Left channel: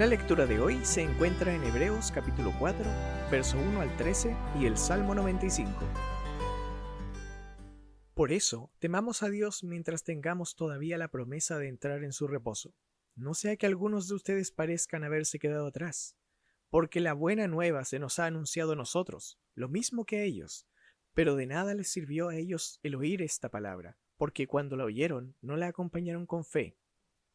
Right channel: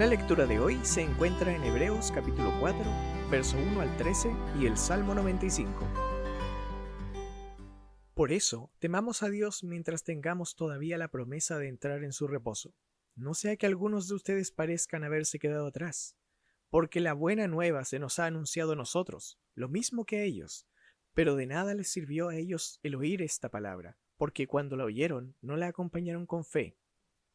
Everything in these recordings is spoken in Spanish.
La lectura de hoy se encuentra en Hebreos capítulo 4, verso 1 al 13 y el Salmo 95. Por eso, temamos a Dios mientras tengamos todavía la promesa de entrar en su reposo. No sea que algunos de ustedes parezcan haberse quedado atrás, porque la buena nueva se nos ha anunciado a nosotros, lo mismo que a ellos, pero de nada les sirvió a ellos el oír esta palabra, porque cuando la oyeron no la acompañaron con fe.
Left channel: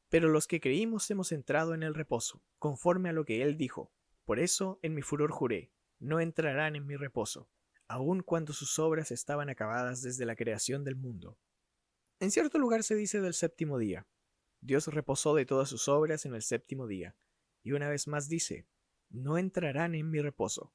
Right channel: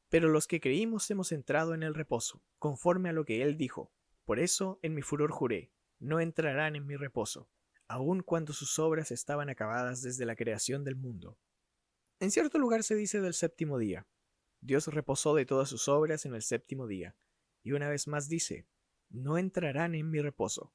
Pero los que creímos hemos entrado en el reposo, conforme a lo que él dijo. Por eso en mi furor juré, no entrarán en mi reposo, aun cuando sus obras estaban acabadas desde la creación del mundo. En cierto lugar se dice del séptimo día. Dios reposó de todas sus obras en el séptimo día. Y una vez más dice, no entrarán en mi reposo.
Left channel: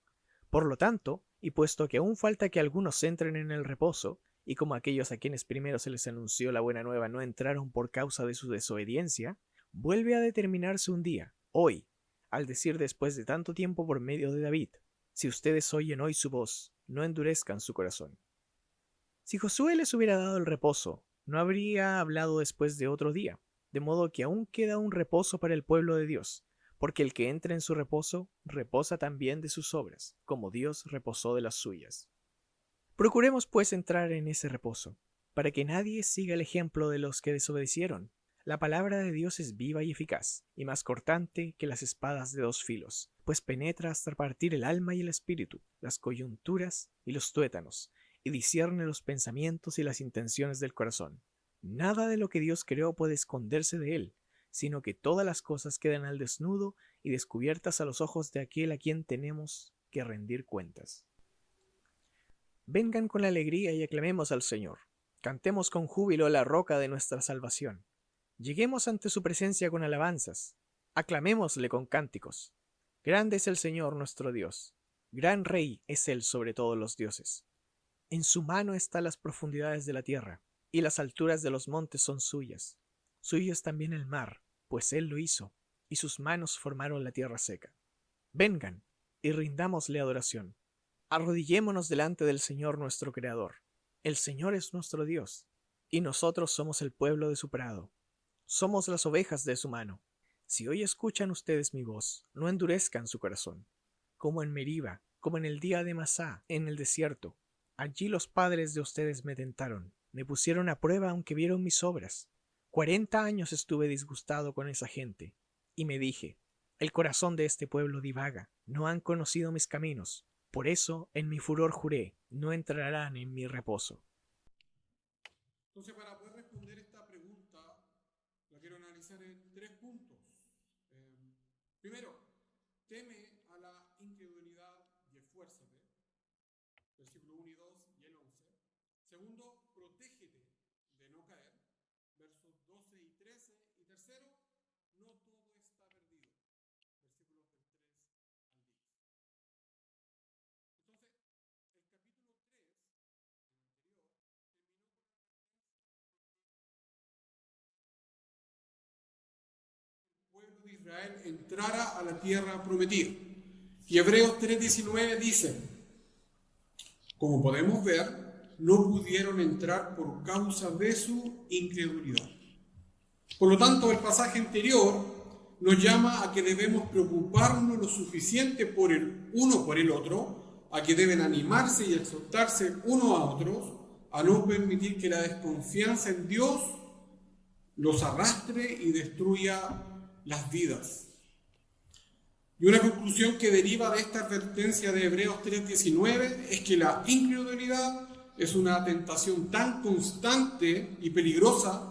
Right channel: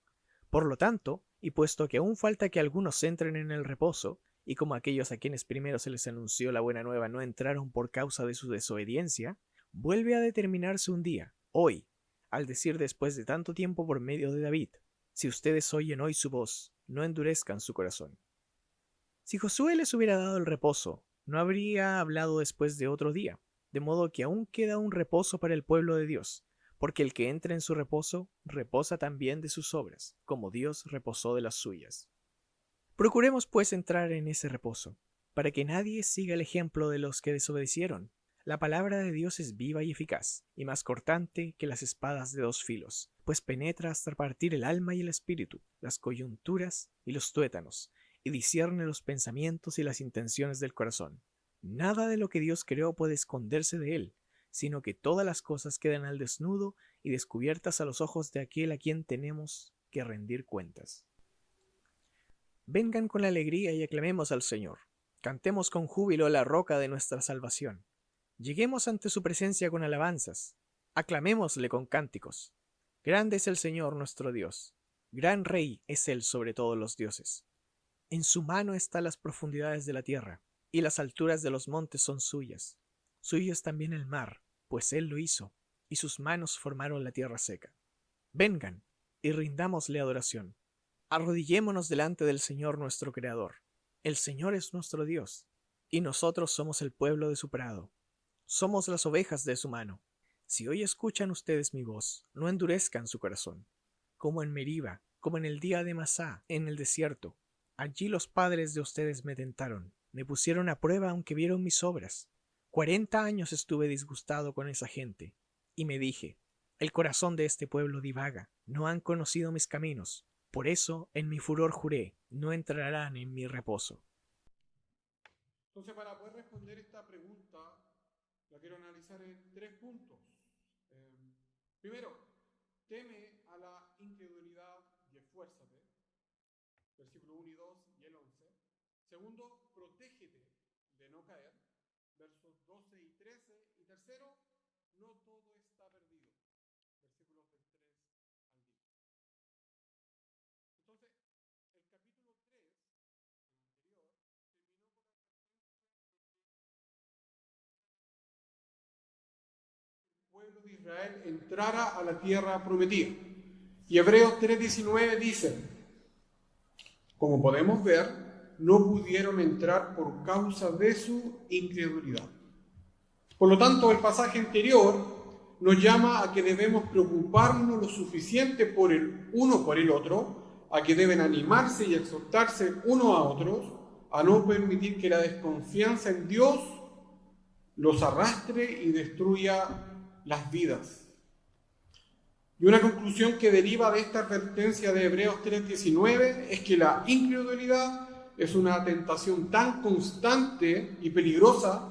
Por lo tanto, y puesto que aún falta que algunos entren en el reposo, y como aquellos a quienes primero se les anunció la buena nueva no entraron por causa de su desobediencia, vuelve a determinarse un día, hoy, al decir después de tanto tiempo por medio de David, si ustedes oyen hoy su voz, no endurezcan su corazón. Si Josué les hubiera dado el reposo, no habría hablado después de otro día, de modo que aún queda un reposo para el pueblo de Dios, porque el que entra en su reposo, reposa también de sus obras, como Dios reposó de las suyas. Procuremos pues entrar en ese reposo, para que nadie siga el ejemplo de los que desobedecieron. La palabra de Dios es viva y eficaz, y más cortante que las espadas de dos filos, pues penetra hasta partir el alma y el espíritu, las coyunturas y los tuétanos, y discierne los pensamientos y las intenciones del corazón. Nada de lo que Dios creó puede esconderse de él, sino que todas las cosas quedan al desnudo y descubiertas a los ojos de aquel a quien tenemos que rendir cuentas. Vengan con alegría y aclamemos al Señor. Cantemos con júbilo a la roca de nuestra salvación. Lleguemos ante su presencia con alabanzas. Aclamémosle con cánticos. Grande es el Señor nuestro Dios. Gran Rey es Él sobre todos los dioses. En su mano están las profundidades de la tierra, y las alturas de los montes son suyas. Suyo es también el mar, pues Él lo hizo, y sus manos formaron la tierra seca. Vengan, y rindámosle adoración. Arrodillémonos delante del Señor nuestro Creador. El Señor es nuestro Dios, y nosotros somos el pueblo de su prado. Somos las ovejas de su mano. Si hoy escuchan ustedes mi voz, no endurezcan su corazón. Como en Meriba, como en el día de Masá, en el desierto. Allí los padres de ustedes me tentaron, me pusieron a prueba aunque vieron mis obras. 40 años estuve disgustado con esa gente, y me dije, el corazón de este pueblo divaga, no han conocido mis caminos. Por eso, en mi furor juré, no entrarán en mi reposo. Entonces, para poder responder esta pregunta, la quiero analizar en 3 puntos. Primero, teme a la incredulidad y esfuérzate. Versículo 1 y 2 y el 11. Segundo, protégete de no caer. Versos 12 y 13. Y tercero, no todo está perdido. Versículos del 3 al 10. Entonces, el capítulo 3, el anterior, terminó con la pueblo de Israel entrara a la tierra prometida. Y Hebreos 3:19 dice, como podemos ver, no pudieron entrar por causa de su incredulidad. Por lo tanto, el pasaje anterior nos llama a que debemos preocuparnos lo suficiente por el uno por el otro, a que deben animarse y exhortarse unos a otros, a no permitir que la desconfianza en Dios los arrastre y destruya las vidas. Y una conclusión que deriva de esta advertencia de Hebreos 3:19 es que la incredulidad es una tentación tan constante y peligrosa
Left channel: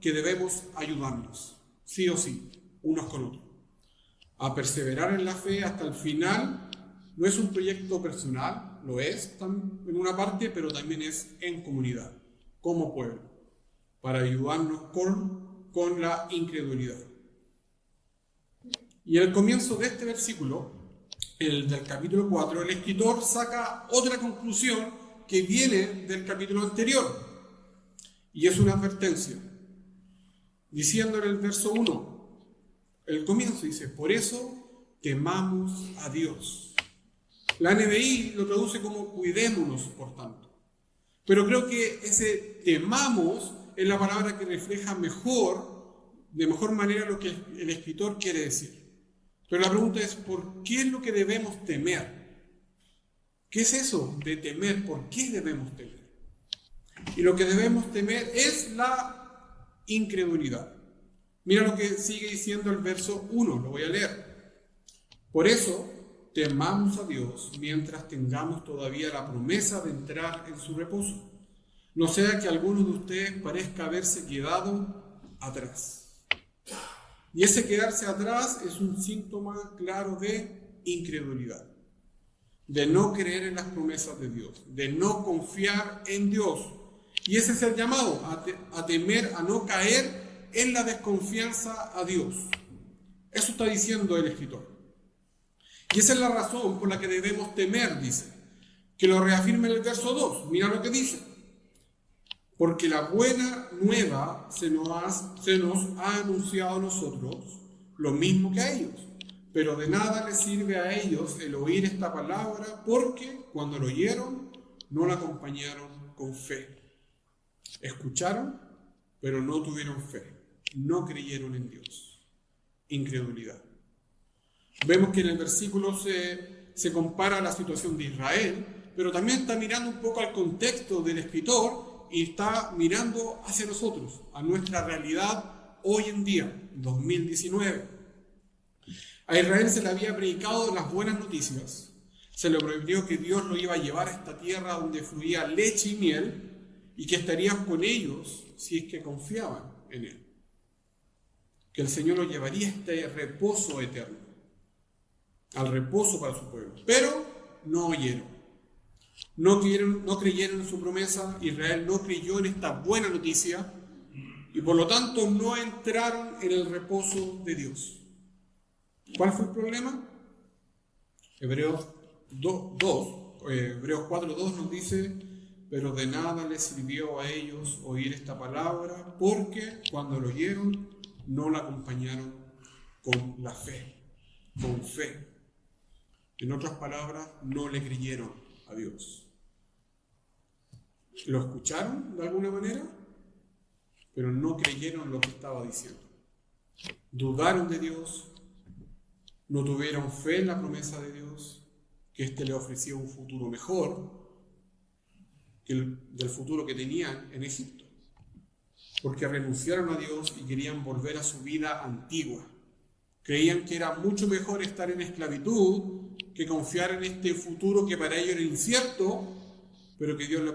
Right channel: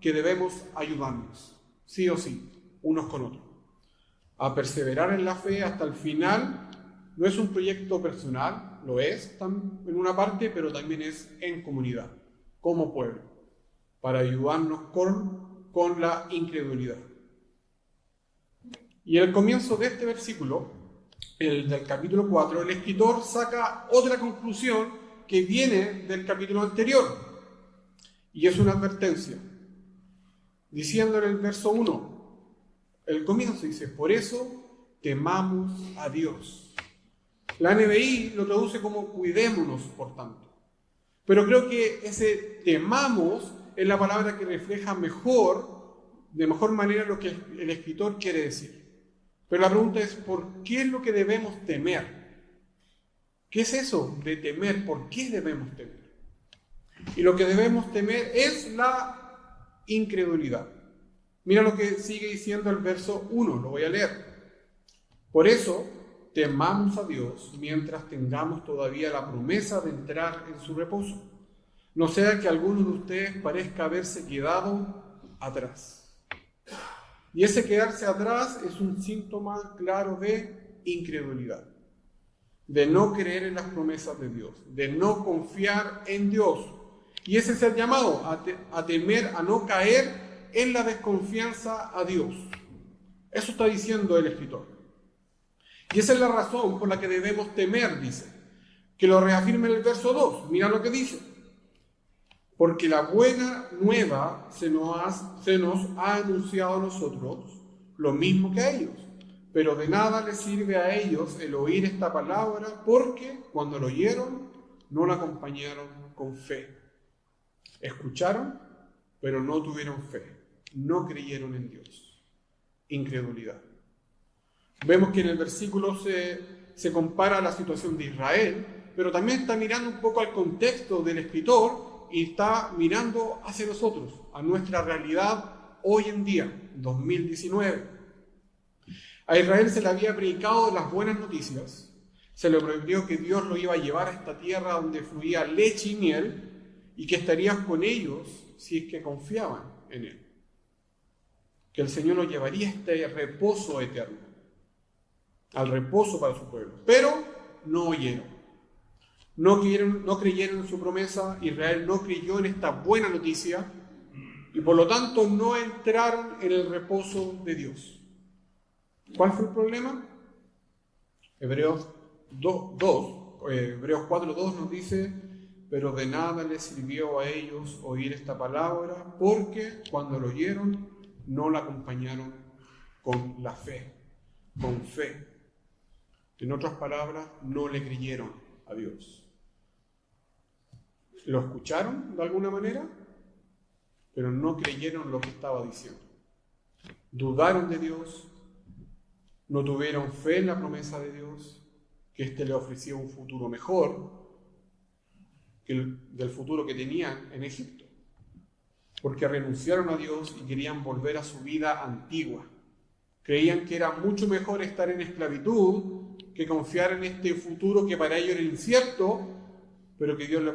que debemos ayudarnos, sí o sí, unos con otros. A perseverar en la fe hasta el final no es un proyecto personal, lo es en una parte, pero también es en comunidad, como pueblo, para ayudarnos con la incredulidad. Y en el comienzo de este versículo, el del capítulo 4, el escritor saca otra conclusión que viene del capítulo anterior, y es una advertencia, diciendo en el verso 1, el comienzo dice, por eso temamos a Dios. La NBI lo traduce como cuidémonos, por tanto. Pero creo que ese temamos es la palabra que refleja de mejor manera lo que el escritor quiere decir. Pero la pregunta es, ¿por qué es lo que debemos temer? ¿Qué es eso de temer? ¿Por qué debemos temer? Y lo que debemos temer es la incredulidad. Mira lo que sigue diciendo el verso 1, lo voy a leer. Por eso, temamos a Dios mientras tengamos todavía la promesa de entrar en su reposo. No sea que alguno de ustedes parezca haberse quedado atrás. Y ese quedarse atrás es un síntoma claro de incredulidad, de no creer en las promesas de Dios, de no confiar en Dios. Y ese es el llamado, a temer, a no caer en la desconfianza a Dios. Eso está diciendo el escritor. Y esa es la razón por la que debemos temer, dice. Que lo reafirme en el verso 2. Mira lo que dice. Porque la buena nueva se nos ha anunciado a nosotros lo mismo que a ellos. Pero de nada les sirve a ellos el oír esta palabra, porque cuando lo oyeron, no la acompañaron con fe. Escucharon, pero no tuvieron fe. No creyeron en Dios. Incredulidad. Vemos que en el versículo se compara la situación de Israel, pero también está mirando un poco al contexto del escritor y está mirando hacia nosotros, a nuestra realidad hoy en día, 2019. A Israel se le había predicado las buenas noticias, se le prometió que Dios lo iba a llevar a esta tierra donde fluía leche y miel y que estaría con ellos si es que confiaban en Él. Que el Señor los llevaría a este reposo eterno, al reposo para su pueblo. Pero no oyeron. No creyeron en su promesa. Israel no creyó en esta buena noticia y por lo tanto no entraron en el reposo de Dios. ¿Cuál fue el problema? Hebreos 4:2 nos dice: pero de nada les sirvió a ellos oír esta palabra, porque cuando lo oyeron no la acompañaron con la fe, con fe. En otras palabras, no le creyeron a Dios. Lo escucharon de alguna manera, pero no creyeron lo que estaba diciendo. Dudaron de Dios, no tuvieron fe en la promesa de Dios, que éste le ofrecía un futuro mejor que del futuro que tenían en Egipto, porque renunciaron a Dios y querían volver a su vida antigua. Creían que era mucho mejor estar en esclavitud que confiar en este futuro que para ellos era incierto, pero que Dios les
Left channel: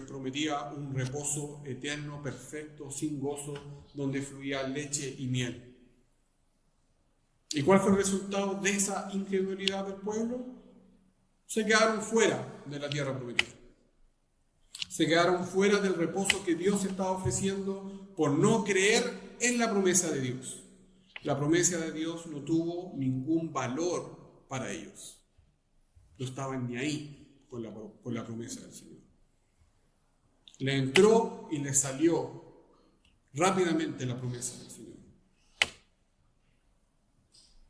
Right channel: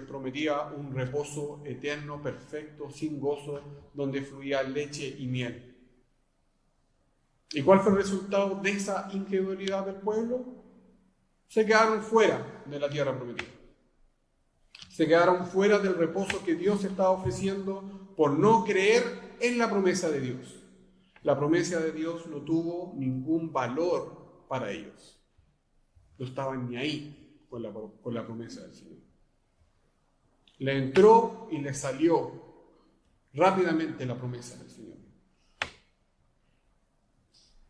prometía un reposo eterno, perfecto, sin gozo, donde fluía leche y miel. ¿Y cuál fue el resultado de esa incredulidad del pueblo? Se quedaron fuera de la tierra prometida. Se quedaron fuera del reposo que Dios estaba ofreciendo por no creer en la promesa de Dios. La promesa de Dios no tuvo ningún valor para ellos. No estaban ni ahí con la promesa del Señor. Le entró y le salió rápidamente la promesa del Señor.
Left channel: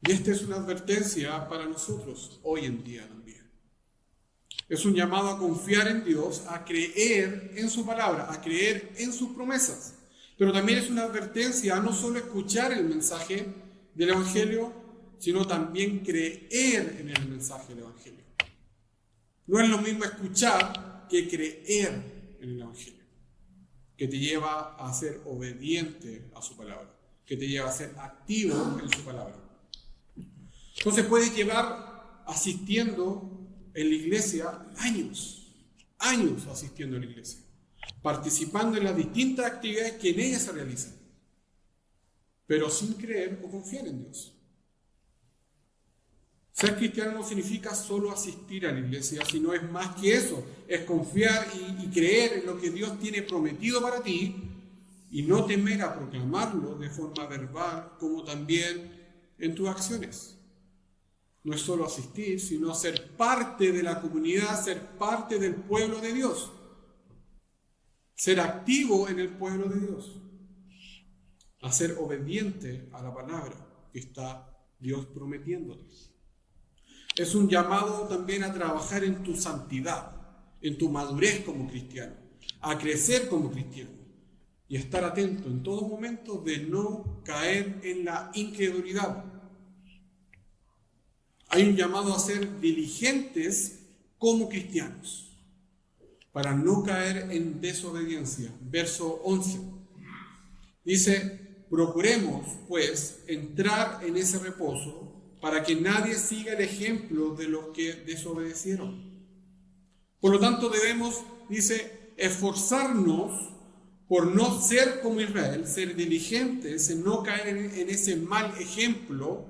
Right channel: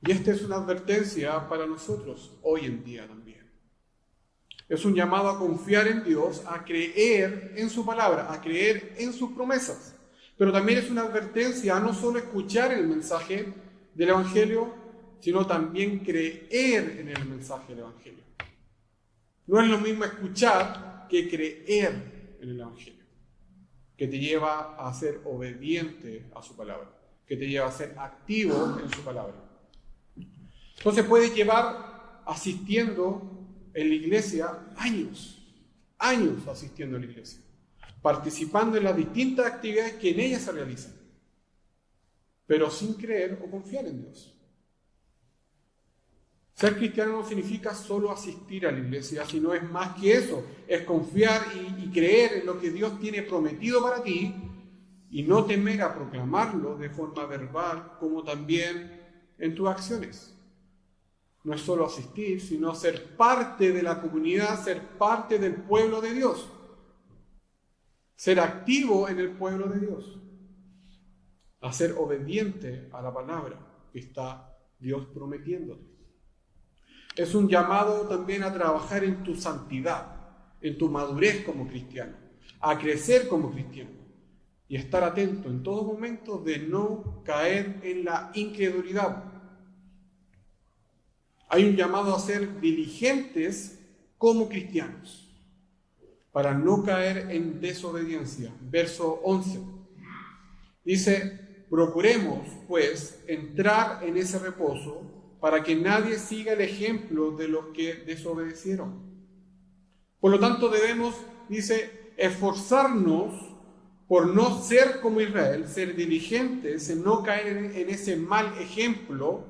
Y esta es una advertencia para nosotros hoy en día también. Es un llamado a confiar en Dios, a creer en su palabra, a creer en sus promesas. Pero también es una advertencia a no solo escuchar el mensaje del Evangelio, sino también creer en el mensaje del Evangelio. No es lo mismo escuchar que creer en el Evangelio, que te lleva a ser obediente a su palabra, que te lleva a ser activo en su palabra. Entonces puedes llevar asistiendo en la iglesia años asistiendo a la iglesia, participando en las distintas actividades que en ella se realizan, pero sin creer o confiar en Dios. Ser cristiano no significa solo asistir a la iglesia, sino es más que eso, es confiar y creer en lo que Dios tiene prometido para ti y no temer a proclamarlo de forma verbal como también en tus acciones. No es solo asistir, sino ser parte de la comunidad, ser parte del pueblo de Dios. Ser activo en el pueblo de Dios. A ser obediente a la palabra que está Dios prometiéndote. Es un llamado también a trabajar en tu santidad, en tu madurez como cristiano, a crecer como cristiano y estar atento en todo momento de no caer en la incredulidad. Hay un llamado a ser diligentes como cristianos, para no caer en desobediencia. Verso 11. Dice, procuremos, pues, entrar en ese reposo para que nadie siga el ejemplo de los que desobedecieron. Por lo tanto, debemos, dice, esforzarnos por no ser como Israel, ser diligentes en no caer en ese mal ejemplo,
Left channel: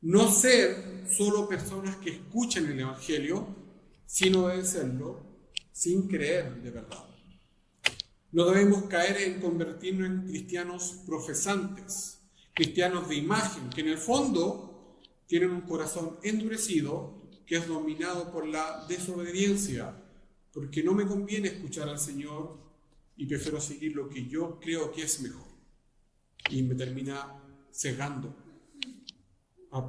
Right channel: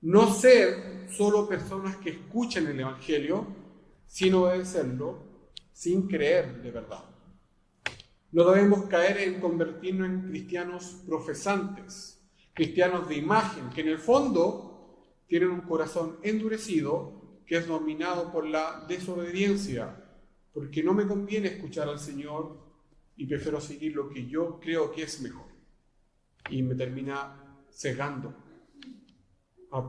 no ser solo personas que escuchan el Evangelio, sino obedecerlo sin creer de verdad. No debemos caer en convertirnos en cristianos profesantes, cristianos de imagen, que en el fondo tienen un corazón endurecido que es dominado por la desobediencia, porque no me conviene escuchar al Señor y prefiero seguir lo que yo creo que es mejor. Y me termina cegando,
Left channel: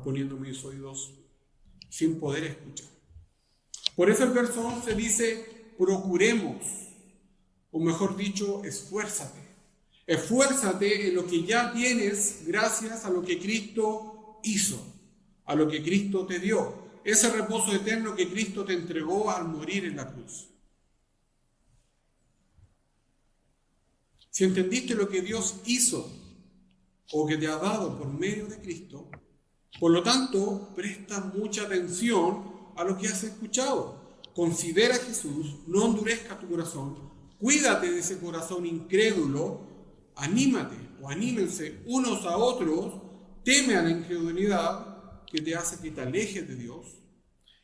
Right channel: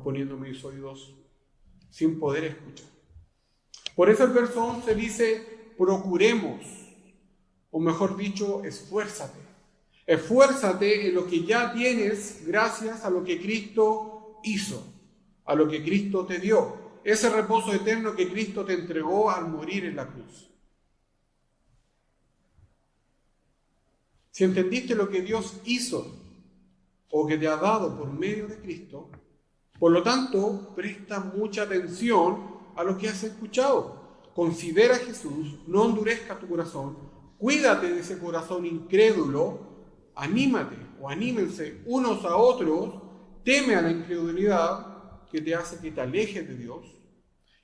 poniendo mis oídos sin poder escuchar. Por eso el verso 11 dice, procuremos, o mejor dicho, esfuérzate. Esfuérzate en lo que ya tienes gracias a lo que Cristo hizo, a lo que Cristo te dio, ese reposo eterno que Cristo te entregó al morir en la cruz. Si entendiste lo que Dios hizo o que te ha dado por medio de Cristo, por lo tanto, presta mucha atención a lo que has escuchado. Considera a Jesús, no endurezca tu corazón, cuídate de ese corazón incrédulo, anímate o anímense unos a otros, teme a la incredulidad que te hace que te alejes de Dios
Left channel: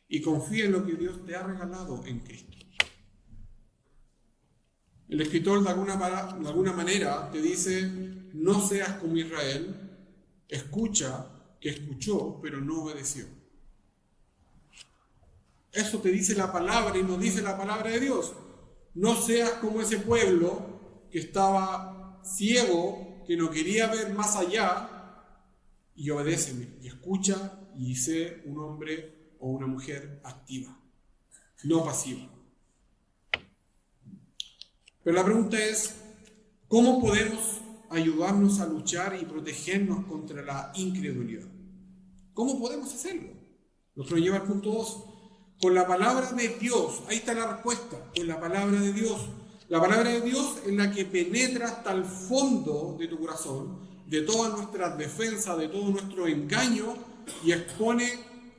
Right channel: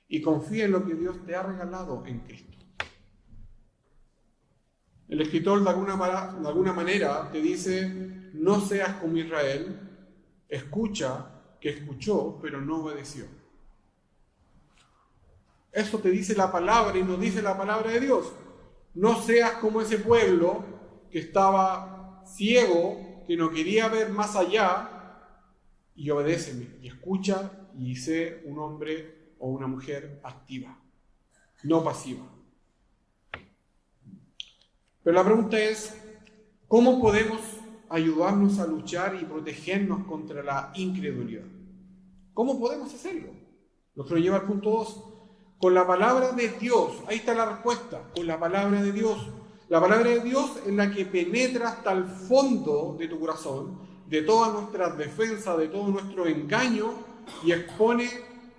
y confía en lo que Dios te ha regalado en Cristo. El escritor de alguna manera te dice, no seas como Israel, escucha que escuchó pero no obedeció. Eso te dice la palabra y nos dice la palabra de Dios. No seas como ese pueblo que estaba ciego, que no quería ver más allá, y obedéceme, y escucha, y sé un hombre o una mujer activa, no pasiva. Pero la pregunta es, ¿cómo podemos ayudarnos a luchar y protegernos contra la incredulidad? ¿Cómo podemos hacerlo? Lo que nos lleva al punto 2. Con la palabra de Dios, ahí está la respuesta, con la palabra de Dios. La palabra de Dios es la que penetra hasta el fondo de tu corazón, de todas nuestras defensas, de todo nuestro engaño, y expone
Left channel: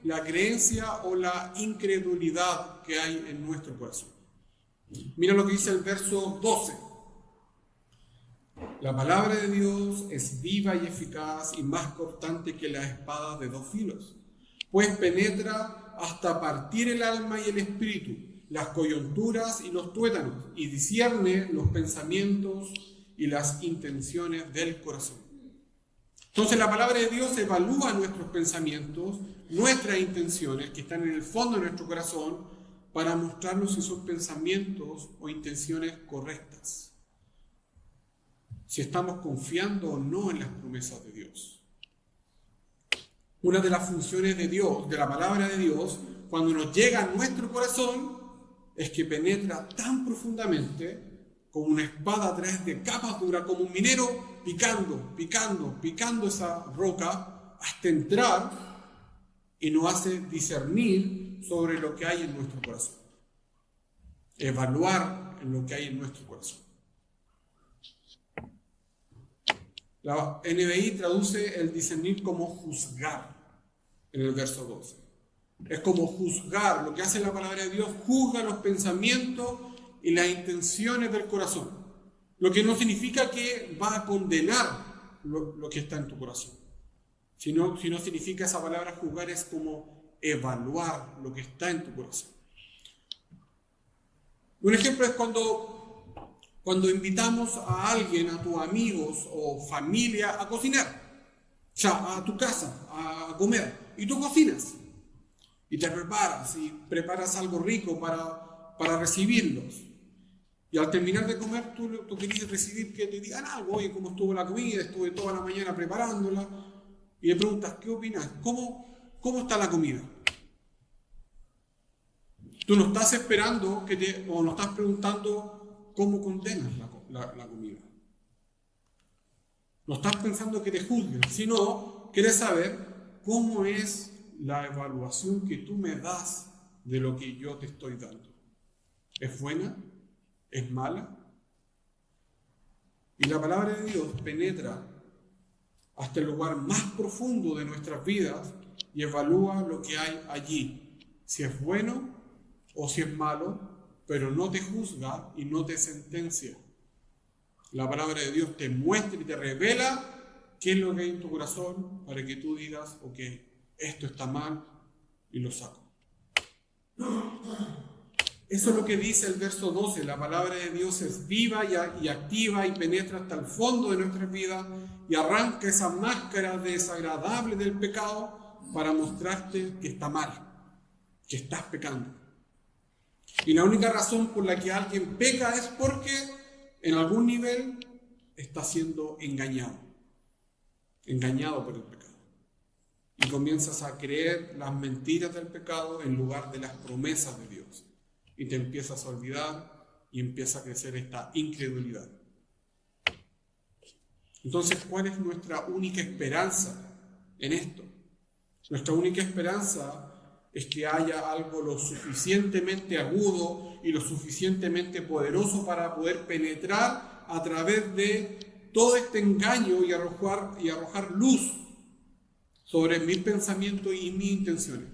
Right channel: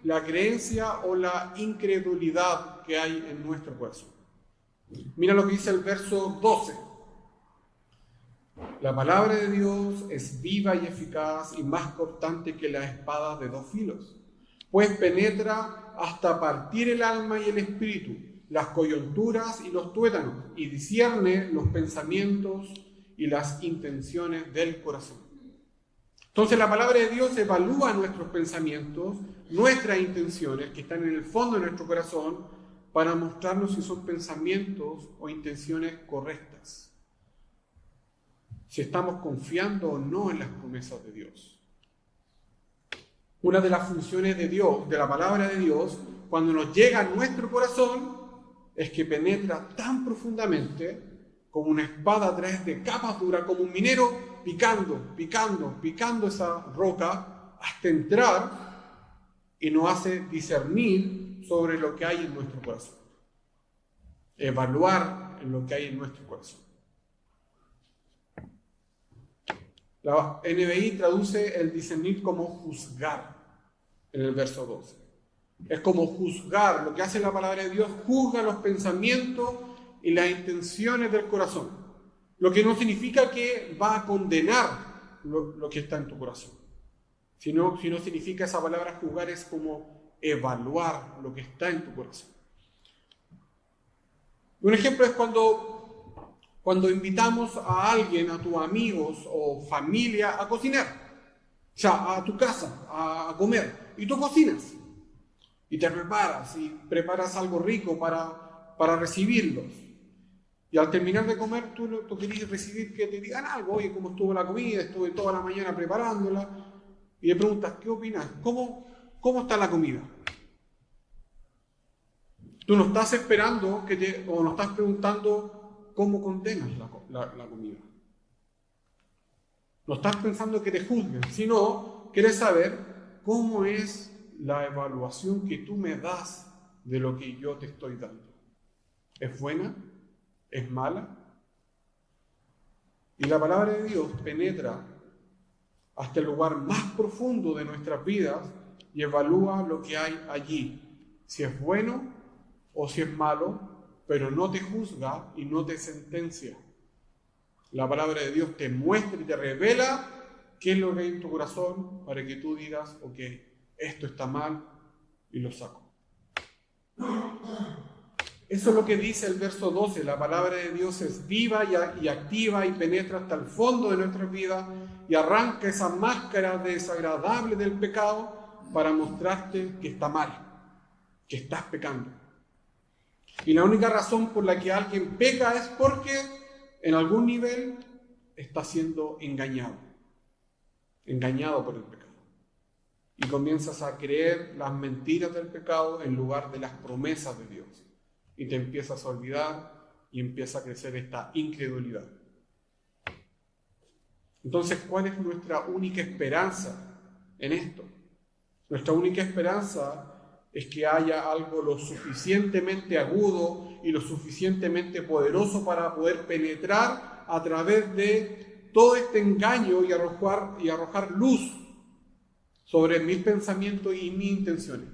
la creencia o la incredulidad que hay en nuestro corazón. Mira lo que dice el verso 12. La palabra de Dios es viva y eficaz y más cortante que las espadas de dos filos, pues penetra hasta partir el alma y el espíritu, las coyunturas y los tuétanos, y discierne los pensamientos y las intenciones del corazón. Entonces la palabra de Dios evalúa nuestros pensamientos, nuestras intenciones que están en el fondo de nuestro corazón, para mostrarnos si son pensamientos o intenciones correctas, si estamos confiando o no en las promesas de Dios. Una de las funciones de Dios, de la palabra de Dios, cuando nos llega a nuestro corazón, es que penetra tan profundamente como una espada a través de capas duras, como un minero picando esa roca hasta entrar, y nos hace discernir sobre lo que hay en nuestro corazón, evaluar en lo que hay en nuestro corazón. La NBI traduce el discernir como juzgar en el verso 12. Es como juzgar, lo que hace la palabra de Dios, juzga los pensamientos y las intenciones del corazón. Lo que no significa que va a condenar lo que está en tu corazón. Sino significa, esa palabra juzgar es como evaluar lo que está en tu corazón. Un ejemplo es cuando invitamos a alguien, a tus amigos o familia a cocinar, o sea, a tu casa, a comer, y tú cocinas, y te preparas algo rico para recibirlos. Y al terminar de comer, tú querías recibir que te digan algo, oye, ¿cómo estuvo la comida? Estuve toda la mañana preparándola. Y le preguntas, ¿qué opinas? ¿Cómo está la comida? Tú no estás esperando o no estás preguntando cómo condenas la comida. No estás pensando que te juzguen, sino quieres saber cómo es la evaluación que tú me das de lo que yo te estoy dando? ¿Es buena? ¿Es mala? Y la palabra de Dios penetra hasta el lugar más profundo de nuestras vidas y evalúa lo que hay allí, si es bueno o si es malo, pero no te juzga y no te sentencia. La palabra de Dios te muestra y te revela qué es lo que hay en tu corazón para que tú digas, ok, esto está mal y lo saco. Eso es lo que dice el verso 12. La palabra de Dios es viva y activa y penetra hasta el fondo de nuestras vidas y arranca esa máscara desagradable del pecado para mostrarte que está mal, que estás pecando. Y la única razón por la que alguien peca es porque en algún nivel está siendo engañado por el pecado. Y comienzas a creer las mentiras del pecado en lugar de las promesas de Dios. Y te empiezas a olvidar y empieza a crecer esta incredulidad. Entonces, ¿cuál es nuestra única esperanza en esto? Nuestra única esperanza es que haya algo lo suficientemente agudo y lo suficientemente poderoso para poder penetrar a través de todo este engaño y arrojar luz sobre mis pensamientos y mis intenciones.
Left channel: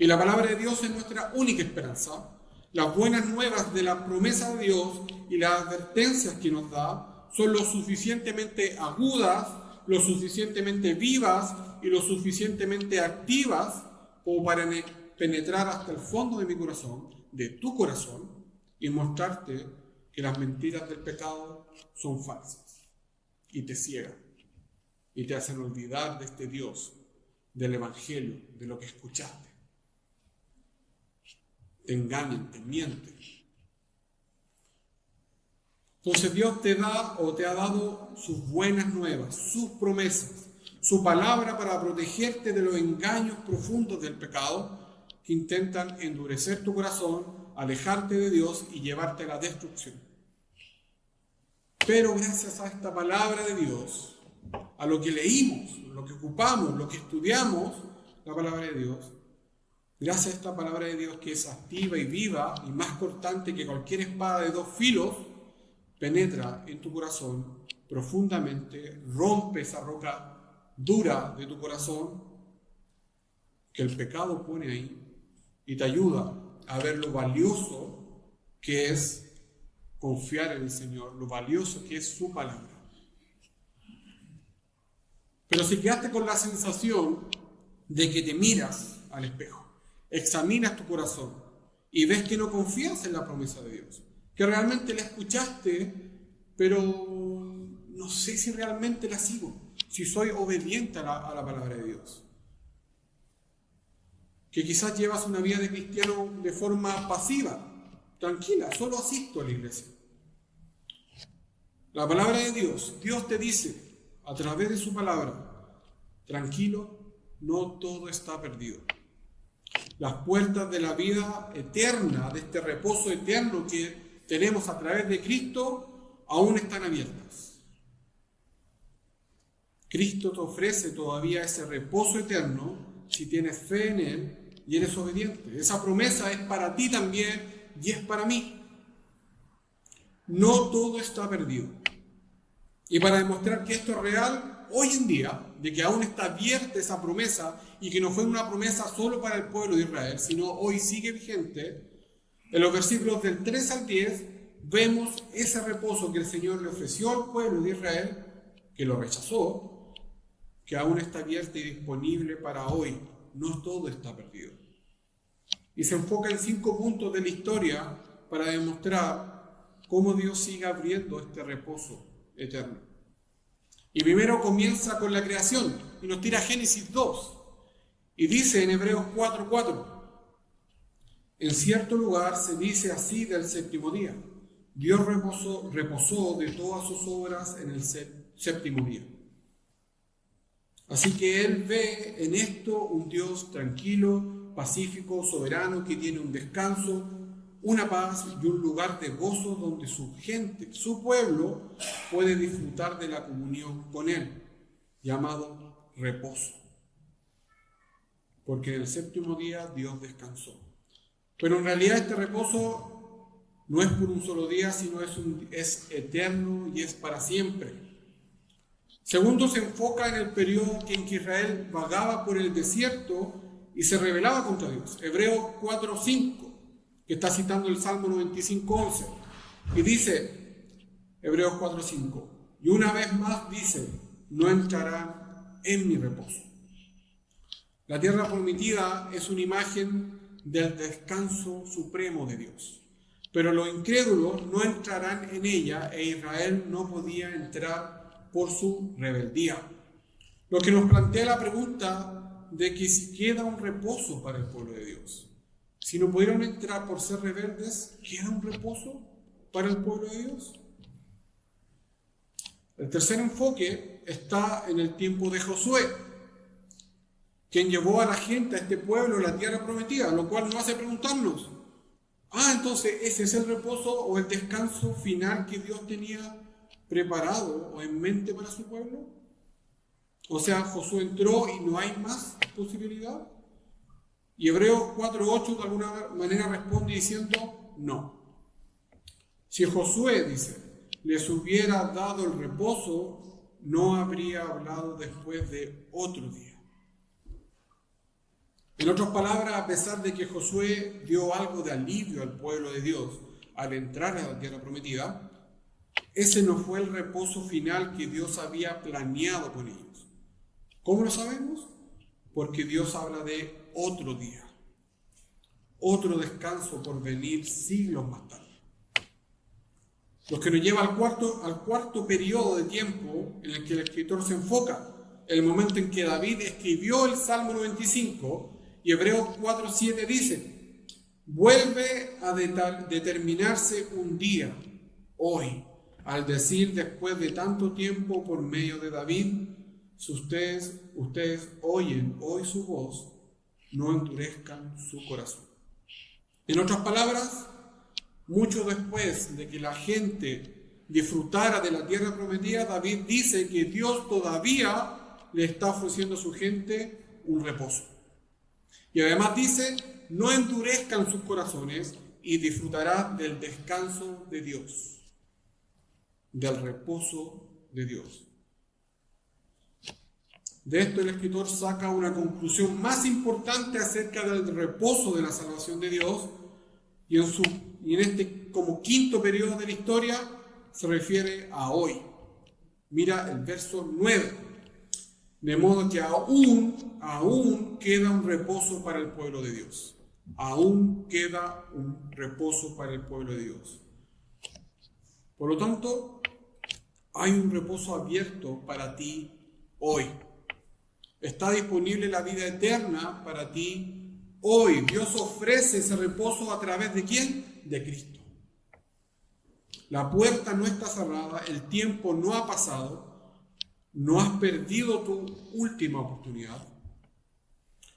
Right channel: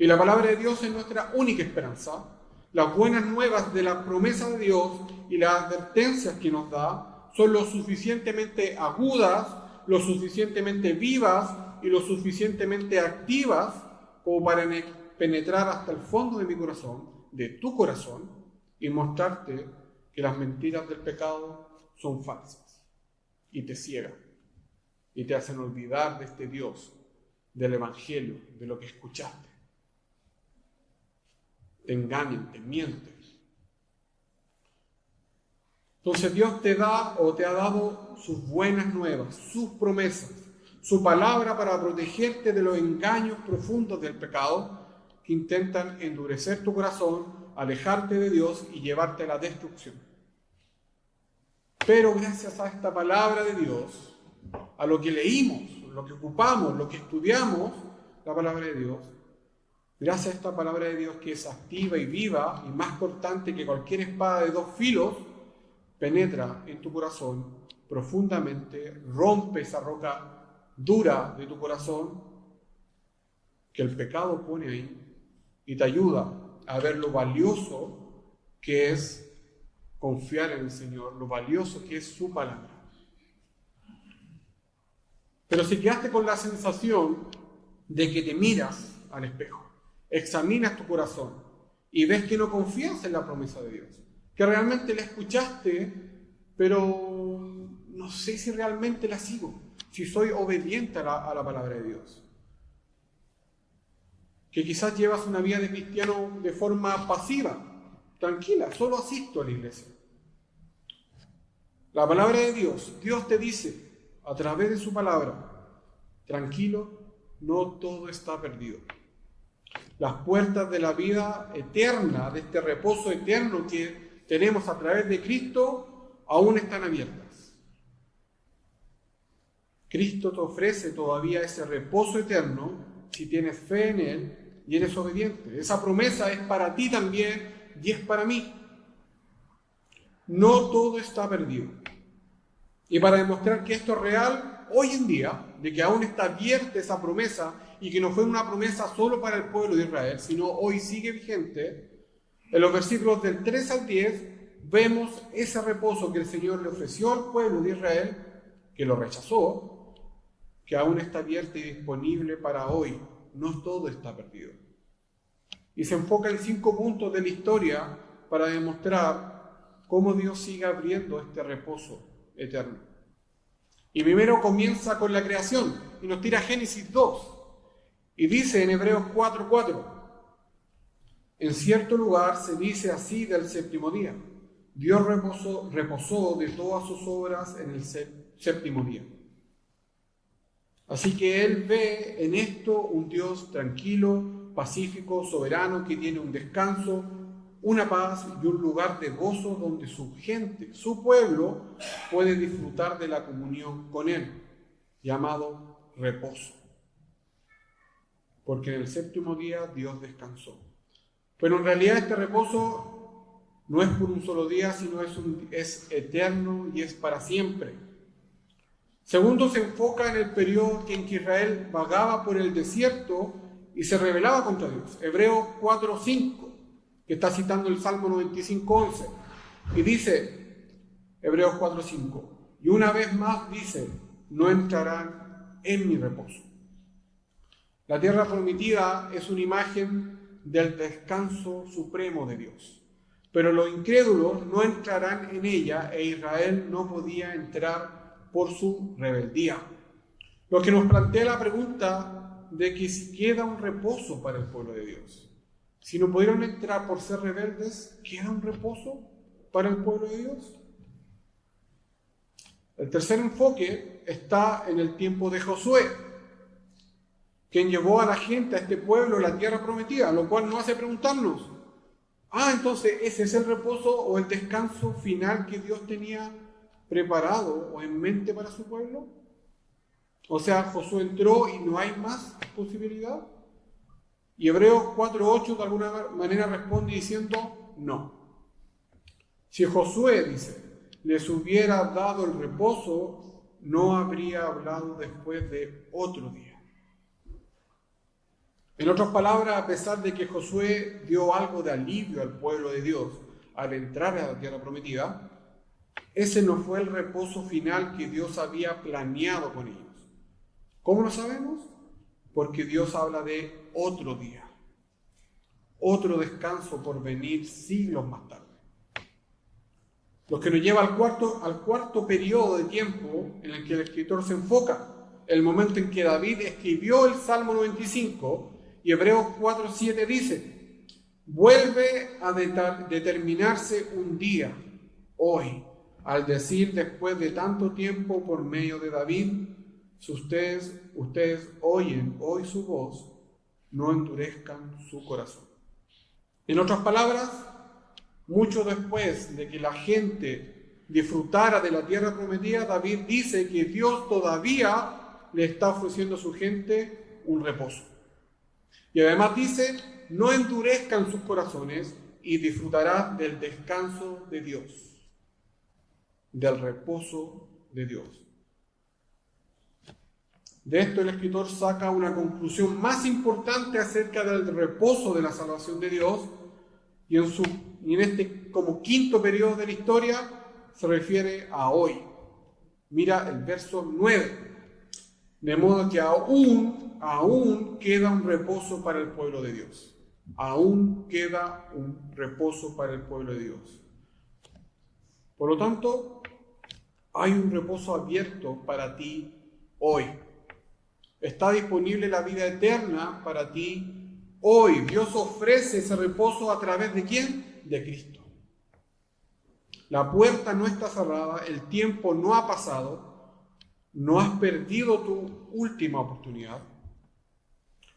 Y la palabra de Dios es nuestra única esperanza. Las buenas nuevas de la promesa de Dios y las advertencias que nos da son lo suficientemente agudas, lo suficientemente vivas y lo suficientemente activas como para penetrar hasta el fondo de mi corazón, de tu corazón, y mostrarte que las mentiras del pecado son falsas y te ciegan y te hacen olvidar de este Dios, del Evangelio, de lo que escuchaste. Te engañan, te mienten. Entonces Dios te da o te ha dado sus buenas nuevas, sus promesas, su palabra para protegerte de los engaños profundos del pecado que intentan endurecer tu corazón, alejarte de Dios y llevarte a la destrucción. Pero gracias a esta palabra de Dios, a lo que leímos, lo que ocupamos, lo que estudiamos, la palabra de Dios, gracias a esta palabra de Dios que es activa y viva y más cortante que cualquier espada de 2 filos, penetra en tu corazón profundamente, rompe esa roca dura de tu corazón que el pecado pone ahí y te ayuda a ver lo valioso que es confiar en el Señor, lo valioso que es su palabra. Pero si quedaste con la sensación de que te miras al espejo, examinas tu corazón y ves que no confías en la promesa de Dios, que realmente la escuchaste, pero no sé si realmente la sigo, si soy obediente a la palabra de Dios. Que quizás llevas una vida de cristiano de forma pasiva, tranquila, solo asisto a la iglesia. La palabra de Dios, Dios te dice a través de su palabra, tranquilo, no todo está perdido. Las puertas de la vida eterna, de este reposo eterno que tenemos a través de Cristo, aún están abiertas. Cristo te ofrece todavía ese reposo eterno si tienes fe en Él y eres obediente. Esa promesa es para ti también y es para mí. No todo está perdido. Y para demostrar que esto es real, hoy en día, de que aún está abierta esa promesa y que no fue una promesa solo para el pueblo de Israel, sino hoy sigue vigente, en los versículos del 3 al 10 vemos ese reposo que el Señor le ofreció al pueblo de Israel, que lo rechazó, que aún está abierto y disponible para hoy. No todo está perdido. Y se enfoca en 5 puntos de la historia para demostrar cómo Dios sigue abriendo este reposo eterno. Y primero comienza con la creación y nos tira Génesis 2 y dice en Hebreos 4:4: en cierto lugar se dice así del séptimo día: Dios reposó de todas sus obras en el séptimo día. Así que Él ve en esto un Dios tranquilo, pacífico, soberano, que tiene un descanso, una paz y un lugar de gozo donde su gente, su pueblo, puede disfrutar de la comunión con Él, llamado reposo. porque en el séptimo día Dios descansó. Pero en realidad este reposo no es por un solo día, sino es eterno y es para siempre. Segundo, se enfoca en el periodo en que Israel vagaba por el desierto y se rebelaba contra Dios. Hebreos 4:5, que está citando el Salmo 95:11. Y dice, Hebreos 4:5, y una vez más dice, no entrarán en mi reposo. La tierra prometida es una imagen del descanso supremo de Dios. Pero los incrédulos no entrarán en ella e Israel no podía entrar por su rebeldía. Lo que nos plantea la pregunta de que si queda un reposo para el pueblo de Dios. Si no pudieron entrar por ser rebeldes, ¿queda un reposo para el pueblo de Dios? El tercer enfoque está en el tiempo de Josué, quien llevó a la gente, a este pueblo, a la tierra prometida, lo cual nos hace preguntarnos, entonces ¿ese es el reposo o el descanso final que Dios tenía preparado o en mente para su pueblo? O sea, Josué entró y no hay más posibilidad. Y Hebreos 4:8 de alguna manera responde diciendo no. Si Josué, dice, les hubiera dado el reposo, no habría hablado después de otro día. En otras palabras, a pesar de que Josué dio algo de alivio al pueblo de Dios al entrar a la tierra prometida, ese no fue el reposo final que Dios había planeado con ellos. ¿Cómo lo sabemos? Porque Dios habla de otro día, otro descanso por venir siglos más tarde. Lo que nos lleva al cuarto periodo de tiempo en el que el escritor se enfoca, el momento en que David escribió el Salmo 95, y Hebreos 4:7 dice, vuelve a determinarse un día, hoy, al decir después de tanto tiempo por medio de David, si ustedes oyen hoy su voz, no endurezcan su corazón. En otras palabras, mucho después de que la gente disfrutara de la tierra prometida, David dice que Dios todavía le está ofreciendo a su gente un reposo. Y además dice, no endurezcan sus corazones y disfrutarán del descanso de Dios, del reposo de Dios. De esto el escritor saca una conclusión más importante acerca del reposo de la salvación de Dios, y en este como quinto periodo de la historia se refiere a hoy. Mira el verso 9. De modo que aún queda un reposo para el pueblo de Dios. Aún queda un reposo para el pueblo de Dios. Por lo tanto, hay un reposo abierto para ti hoy. Está disponible la vida eterna para ti hoy. Dios ofrece ese reposo a través de ¿quién? De Cristo. La puerta no está cerrada, el tiempo no ha pasado. No has perdido tu última oportunidad.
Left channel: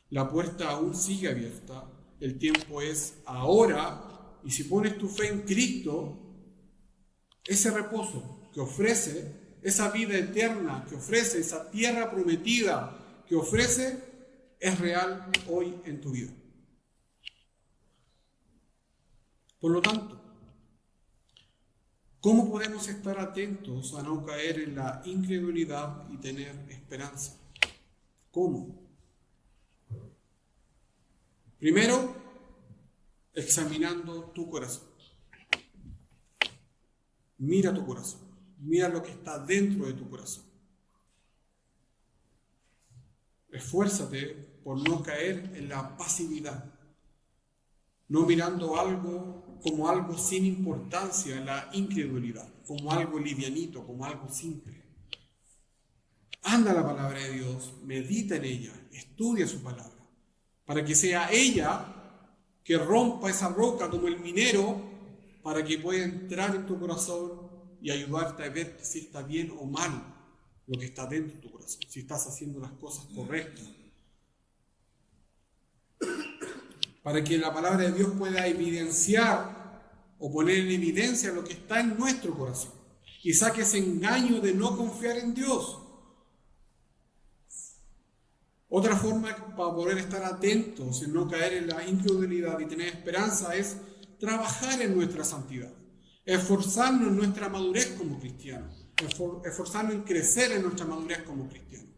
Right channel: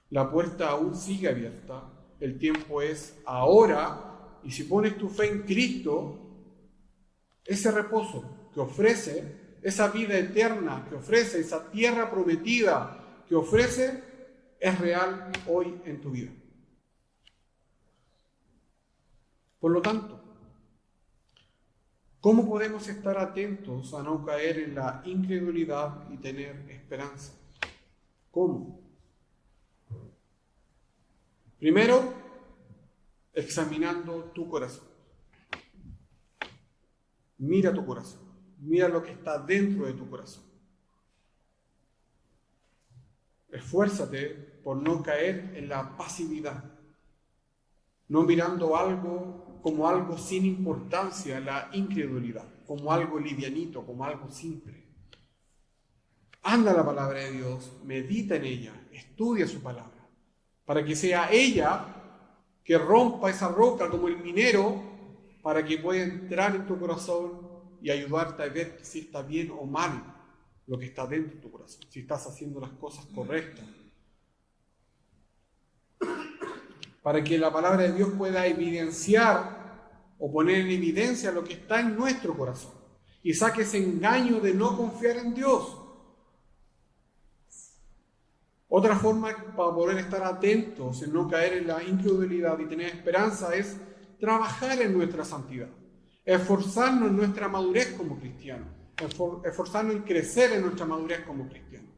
La puerta aún sigue abierta. El tiempo es ahora. Y si pones tu fe en Cristo, ese reposo que ofrece, esa vida eterna que ofrece, esa tierra prometida que ofrece, es real hoy en tu vida. Por lo tanto, ¿cómo podemos estar atentos a no caer en la incredulidad y tener esperanza? ¿Cómo? Primero, examinando tu corazón. Mira tu corazón. Mira lo que está dentro de tu corazón. Esfuérzate por no caer en la pasividad, no mirando algo como algo sin importancia, la incredulidad, como algo livianito, como algo simple. Anda a la palabra de Dios, medita en ella, estudia su palabra, para que sea ella que rompa esa roca como el minero, para que pueda entrar en tu corazón y ayudarte a ver si está bien o mal lo que está dentro de tu corazón, si estás haciendo las cosas correctas. Para que la palabra de Dios pueda evidenciar o poner en evidencia lo que está en nuestro corazón y saque ese engaño de no confiar en Dios. Otra forma para poder estar atentos en no caer en la incredulidad y tener esperanza es trabajar en nuestra santidad, esforzarnos en nuestra madurez como cristianos, esforzarnos en crecer en nuestra madurez como cristianos.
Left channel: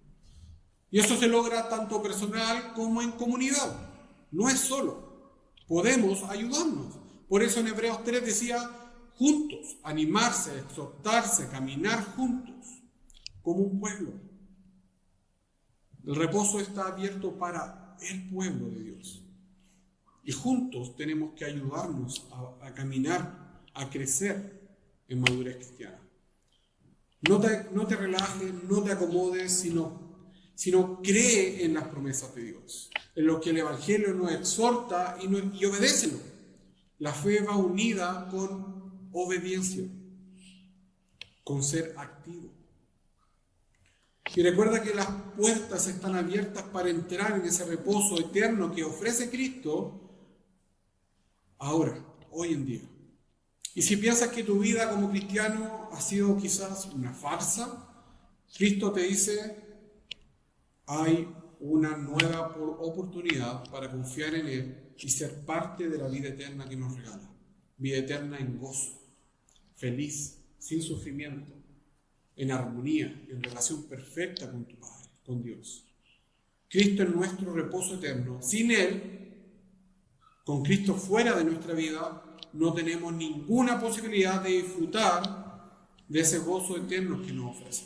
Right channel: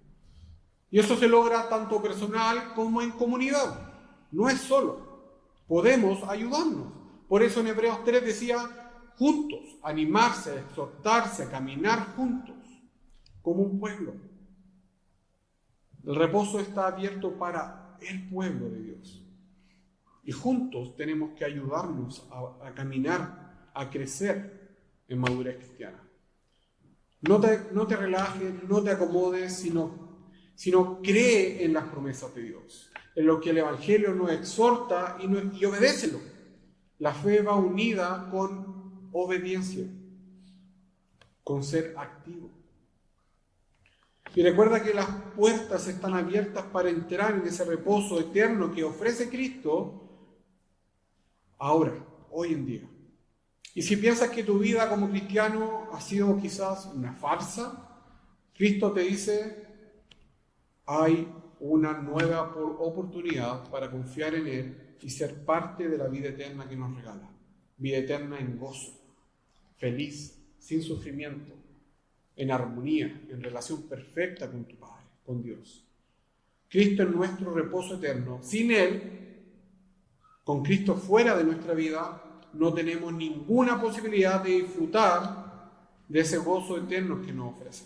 Y eso se logra tanto personal como en comunidad. No es solo. Podemos ayudarnos. Por eso en Hebreos 3 decía, juntos, animarse, exhortarse, caminar juntos, como un pueblo. El reposo está abierto para el pueblo de Dios. Y juntos tenemos que ayudarnos a caminar, a crecer en madurez cristiana. No te relajes, no te acomodes, sino cree en las promesas de Dios, en lo que el Evangelio nos exhorta y obedécelo. La fe va unida con obediencia, con ser activo. Y recuerda que las puertas están abiertas para entrar en ese reposo eterno que ofrece Cristo ahora, hoy en día. Y si piensas que tu vida como cristiano ha sido quizás una farsa, Cristo te dice, hay una nueva oportunidad para confiar en Él y ser parte de la vida eterna que nos regala. Vida eterna en gozo, feliz, sin sufrimiento, en armonía, en relación perfecta con tu Padre, con Dios. Cristo es nuestro reposo eterno. Sin Él, con Cristo fuera de nuestra vida, no tenemos ninguna posibilidad de disfrutar de ese gozo eterno que nos ofrece.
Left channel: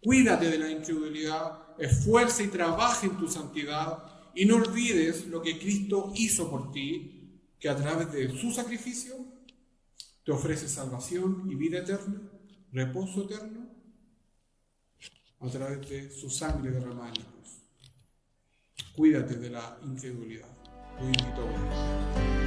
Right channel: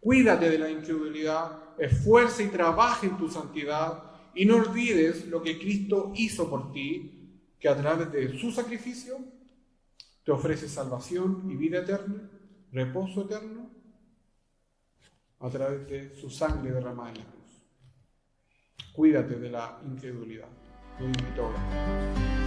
Cuídate de la incredulidad, esfuerza y trabaja en tu santidad y no olvides lo que Cristo hizo por ti, que a través de su sacrificio te ofrece salvación y vida eterna, reposo eterno, a través de su sangre derramada en la cruz. Cuídate de la incredulidad. Lo invito a orar.